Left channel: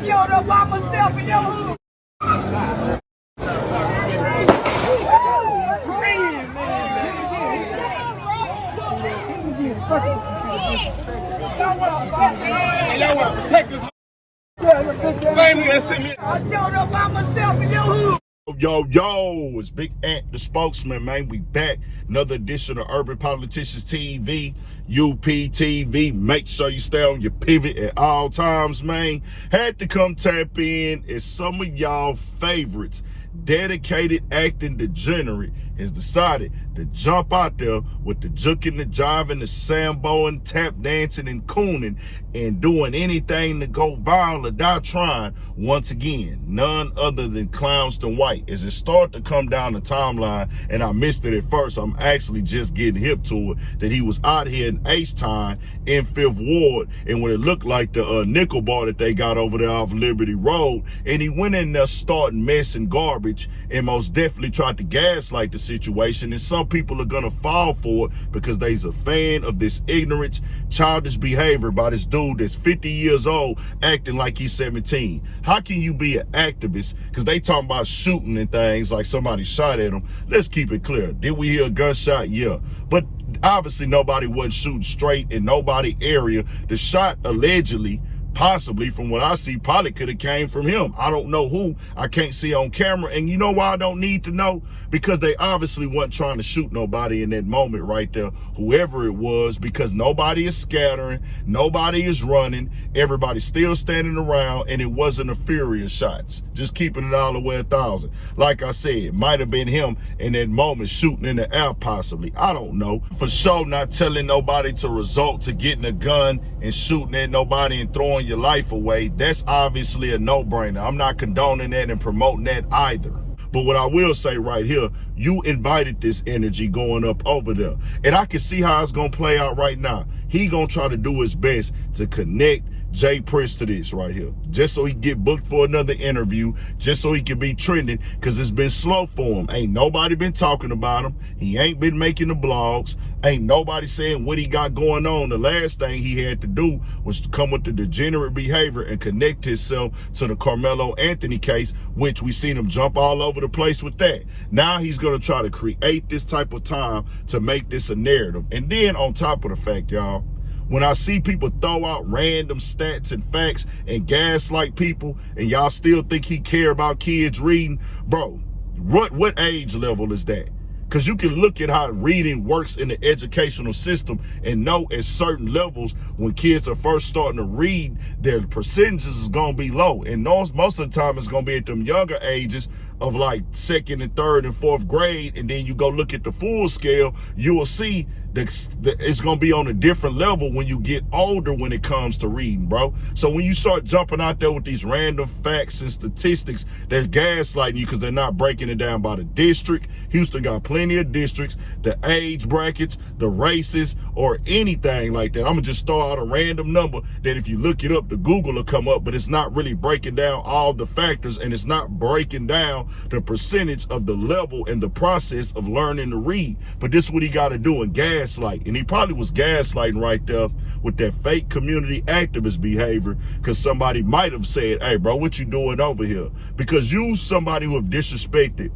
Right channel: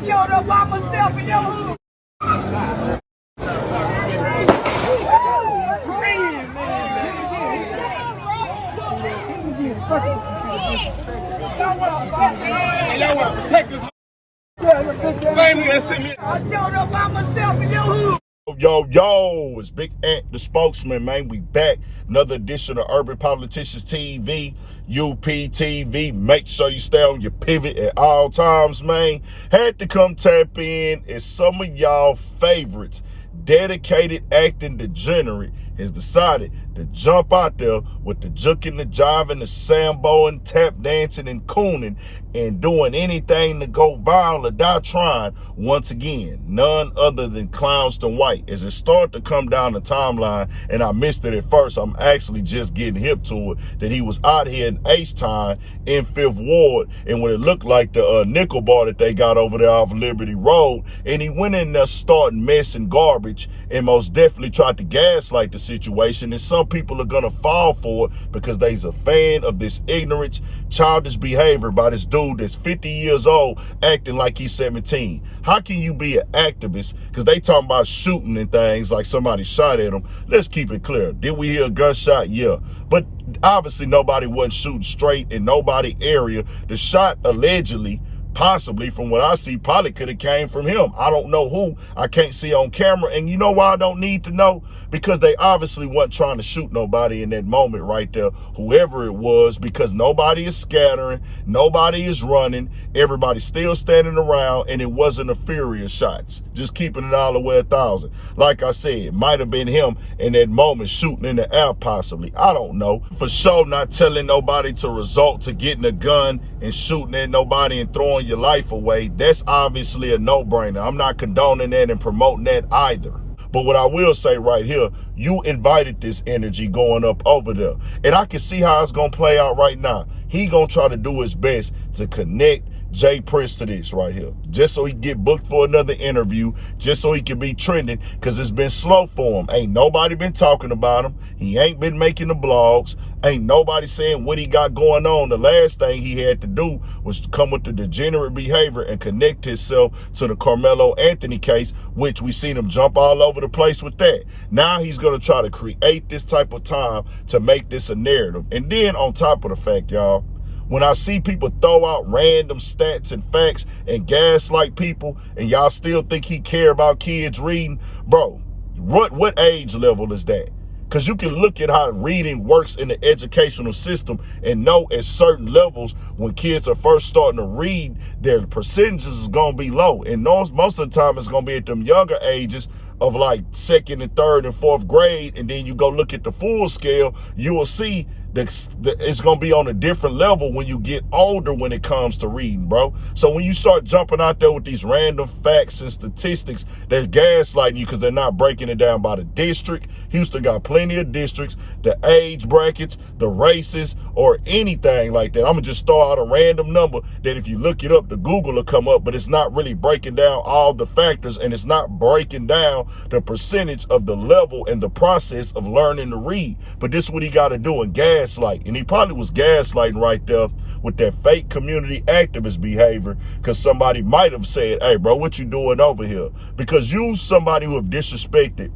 showed up by myself in your hood. Y'all want to protect this. Same as me. I showed up by myself in your hood. Yo, it's Big Ant, the spokesman, man. We back. Another edition of Urban Politicians TV, UPTV. Make sure you stay on your pivot at all times, man. Had to come tap in as some of y'all favorites, dedicated acting degenerate, has decided to jump out there with the juking, the jiving, the samboing, tap dancing, and cooning, and doing anything to go viral or die trying. Once again, none other than Charleston White. As it started to come down the timeline, and I missed it at first, I'm actually just getting hip to it, that he was out here in H-Town in 5th Ward, and when it looked like the nickel bar that they got over there off Liberty Road, and he went in there starting mess and garbage, and most definitely tried to gaslight the situation. And some people are gonna fall for it because they's a fan of this ignorance, childish behavior by this dude that's 50 years old acting like he's 17. How can you be an activist? Because they talking about shooting and things like somebody shot at him. Let's keep it clear. Did we hear a gunshot? Yeah. But obviously nobody wasn't shooting straight in nobody area. The shot allegedly, possibly from what I see, probably could have came from him. I don't know who. I can't see on camera. And you know why I don't need to know? Because they obviously weren't trying to shoot nobody in that moment right there, whoever it was, because nobody is scattering, nobody is running, everybody's still standing around, and it wasn't a furious shots. Just keeping it all the way 1,000. Like I said, it might have been him in that moment shooting in the air possibly. I don't know. For sure not telling nobody to resort to getting a gun and shooting at nobody and throwing your life away. That's obviously a no-brainer. I'm not condoning that and promoting that either. But what I will say right here, you invited this energy going up over there. And I can see how it's going to play out right now. He going to try to do his best to connect Jay Prince to this right here, just so he can get booked for another interview, just so he can be trending, because it's been slow for him. Ain't nobody been talking about him. He ain't been making the blogs. Ain't nobody saying what he got going on. The last thing he had to do was come with the degenerate behavior and connect himself to the Carmelo Anthony case, which we seen him jump all over the place with that. Now he's going to try to create this type of time to make this a narrative. And then on top of the fact, y'all, when I see people throw out random stats and facts and gaslight people, and y'all still think he care about kids reading, bro, what age level is that? Because you can look at how reading works in the educational system and know at certain levels when kids are first starting to read, their percentages is going to be low. And most of the time it's going to be at them younger ages of like 2nd and 3rd and 4th grade. And then you go look at the full scale, you will see that it's going to be on a different level when you get older when it comes to reading, bro. So when you start jumping out there with these random facts and statistics, they're gaslighting you because they're not breaking it down by the district. Houston got plenty of districts, the age brackets, the races, or anything like that. I'm going to just throw out a random number that if you look it up, the Google will come up, but it's not really breaking down all the factors, and it's not breaking down the percentage of the level and the process of learning to read. But this is what he got to do and gaslight. And he probably was gaslighting right there with that fake community activist behavior, because somebody might have said, hey, bro, what you doing over here? Because you somebody who have disrespected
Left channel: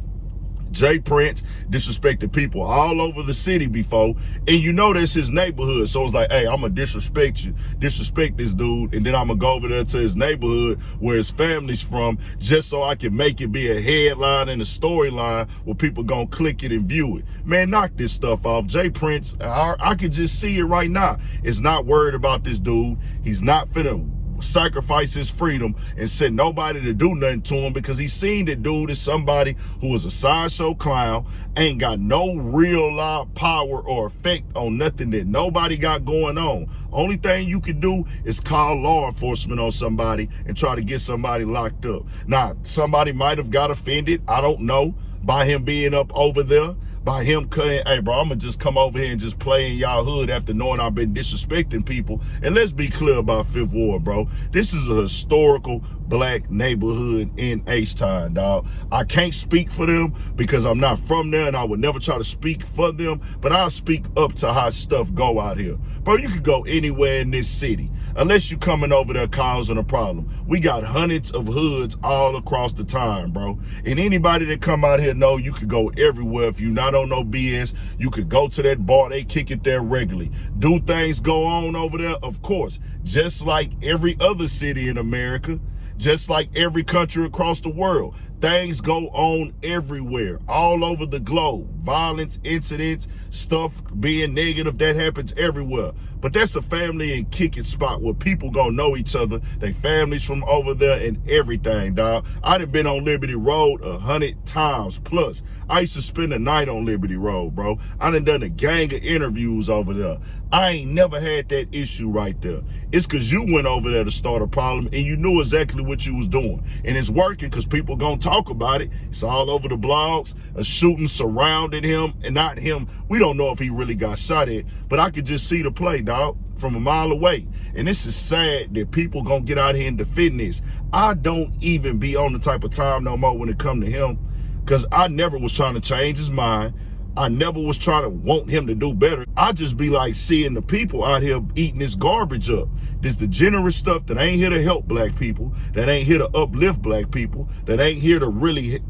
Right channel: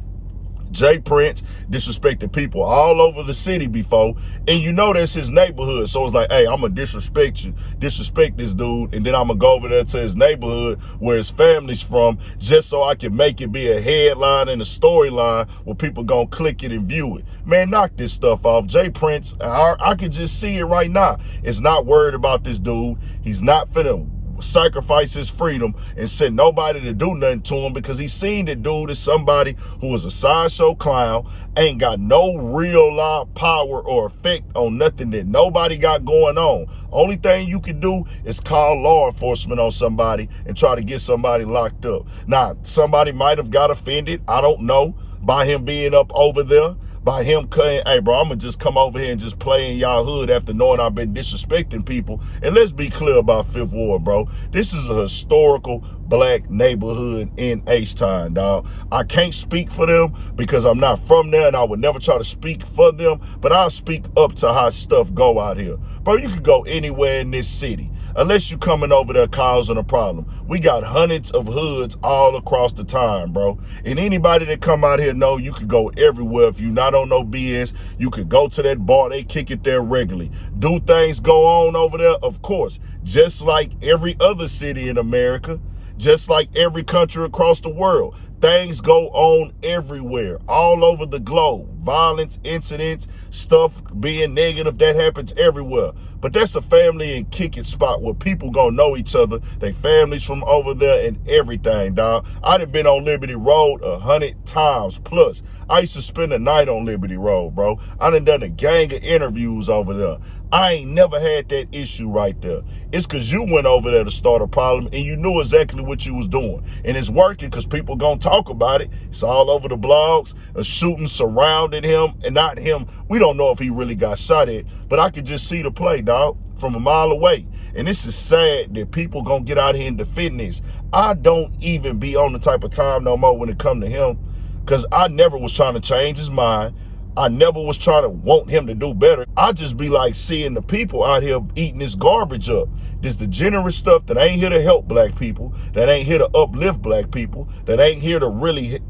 Jay Prince, disrespected people all over the city before, and you know that's his neighborhood. So it's like, hey, I'm going to disrespect you, disrespect this dude, and then I'm going to go over there to his neighborhood where his family's from, just so I can make it be a headline and a storyline where people going to click it and view it. Man, knock this stuff off. Jay Prince, I can just see it right now, is not worried about this dude. He's not finna sacrifice his freedom and send nobody to do nothing to him, because he's seen that dude is somebody who is a sideshow clown, ain't got no real live power or effect on nothing that nobody got going on. Only thing you can do is call law enforcement on somebody and try to get somebody locked up. Now, somebody might have got offended, I don't know, by him being up over there, by him cutting, hey, bro, I'm going to just come over here and just play in y'all hood after knowing I've been disrespecting people. And let's be clear about 5th Ward, bro. This is a historical black neighborhood in H-Town, dog. I can't speak for them because I'm not from there, and I would never try to speak for them, but I'll speak up to how stuff go out here. Bro, you could go anywhere in this city. unless you coming over there causing a problem. We got hundreds of hoods all across the time, bro. And anybody that come out here know you could go everywhere. If you not on no BS, you could go to that bar. They kick it there regularly. Do things go on over there? Of course. Just like every other city in America, just like every country across the world. Things go on everywhere, all over the globe. Violence, incidents, stuff being negative, that happens everywhere. But that's a family and kicking spot where people gonna know each other. They families from over there and everything, dog. I done been on Liberty Road 100 times plus. I used to spend the night on Liberty Road, bro. I done a gang of interviews over there. I ain't never had that issue right there. It's because you went over there to start a problem and you knew exactly what you was doing. And it's working because people gonna talk about it. It's all over the blogs. A shooting surrounded him, and not him. We don't know if he really got shot at, but I could just see the play, dog, from a mile away. And this is sad that people gonna get out here and defend this. I don't even be on the type of time no more when it come to him, because I never was trying to change his mind. I never was trying to want him to do better. I just be like seeing the people out here eating this garbage up. This degenerate stuff that ain't here to help black people, that ain't here to uplift black people, that ain't here to really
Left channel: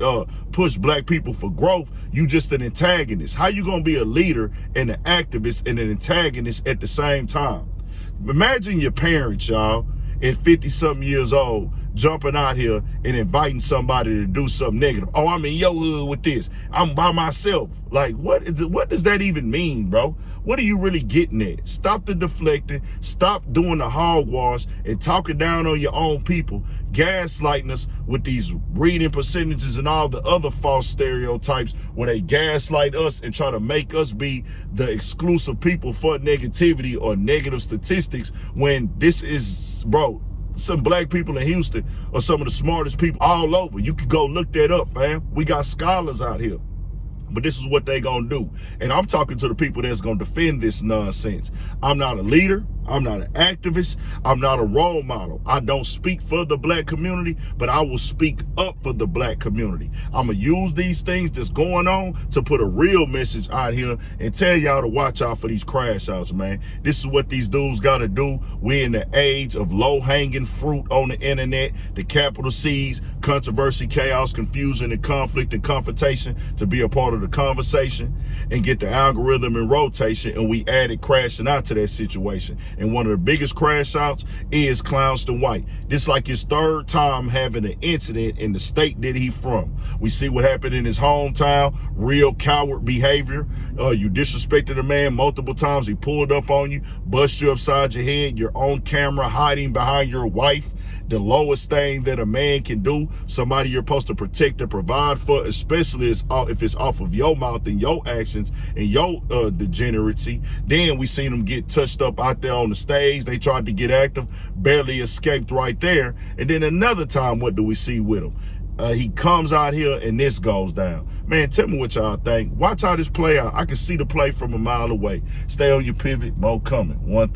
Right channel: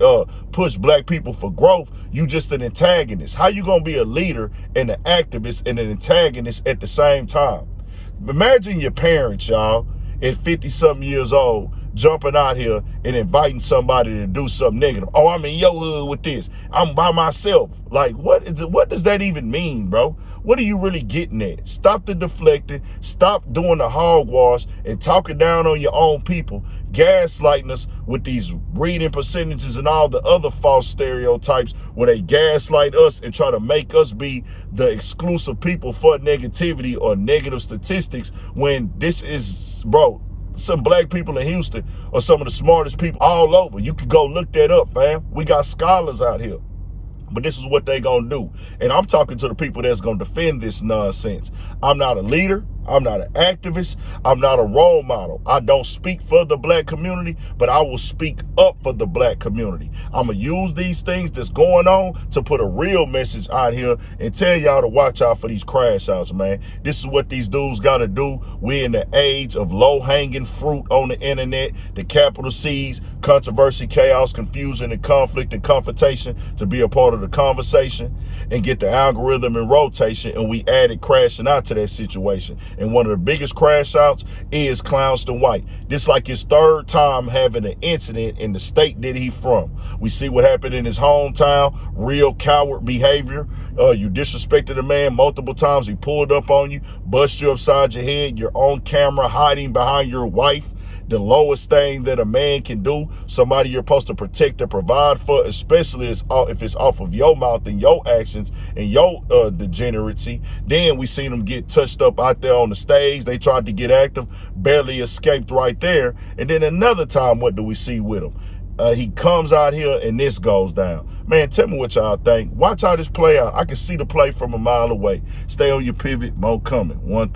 push black people for growth. You just an antagonist. How you gonna be a leader and an activist and an antagonist at the same time? Imagine your parents, y'all, at 50-something years old, jumping out here and inviting somebody to do something negative. Oh, I'm in your hood with this. I'm by myself. Like, what does that even mean, bro? What are you really getting at? Stop the deflecting. Stop doing the hogwash and talking down on your own people, gaslighting us with these reading percentages and all the other false stereotypes where they gaslight us and try to make us be the exclusive people for negativity or negative statistics, when this is, bro, some black people in Houston are some of the smartest people all over. You can go look that up, fam. We got scholars out here. But this is what they gonna do. And I'm talking to the people that's gonna defend this nonsense. I'm not a leader. I'm not an activist. I'm not a role model. I don't speak for the black community, but I will speak up for the black community. I'm going to use these things that's going on to put a real message out here and tell y'all to watch out for these crash outs, man. This is what these dudes got to do. We're in the age of low-hanging fruit on the internet, the capital C's, controversy, chaos, confusion, and conflict and confrontation to be a part of the conversation and get the algorithm in rotation, and we added crashing out to that situation. And one of the biggest crash outs is Charleston White. This like his third time having an incident in the state that he from. We see what happened in his hometown, real coward behavior. You disrespected a man multiple times. He pulled up on you, bust you upside your head. You're on camera hiding behind your wife. The lowest thing that a man can do, somebody you're supposed to protect and provide for, especially if it's off of your mouth and your actions and your degeneracy. Then we seen them get touched up out there on the stage. They tried to get active, barely escaped right there. And then another time, what do we see with him? He comes out here and this goes down. Man, tell me what y'all think. Watch how this play out. I can see the play from a mile away. Stay on your pivot. Mo coming. 1,000.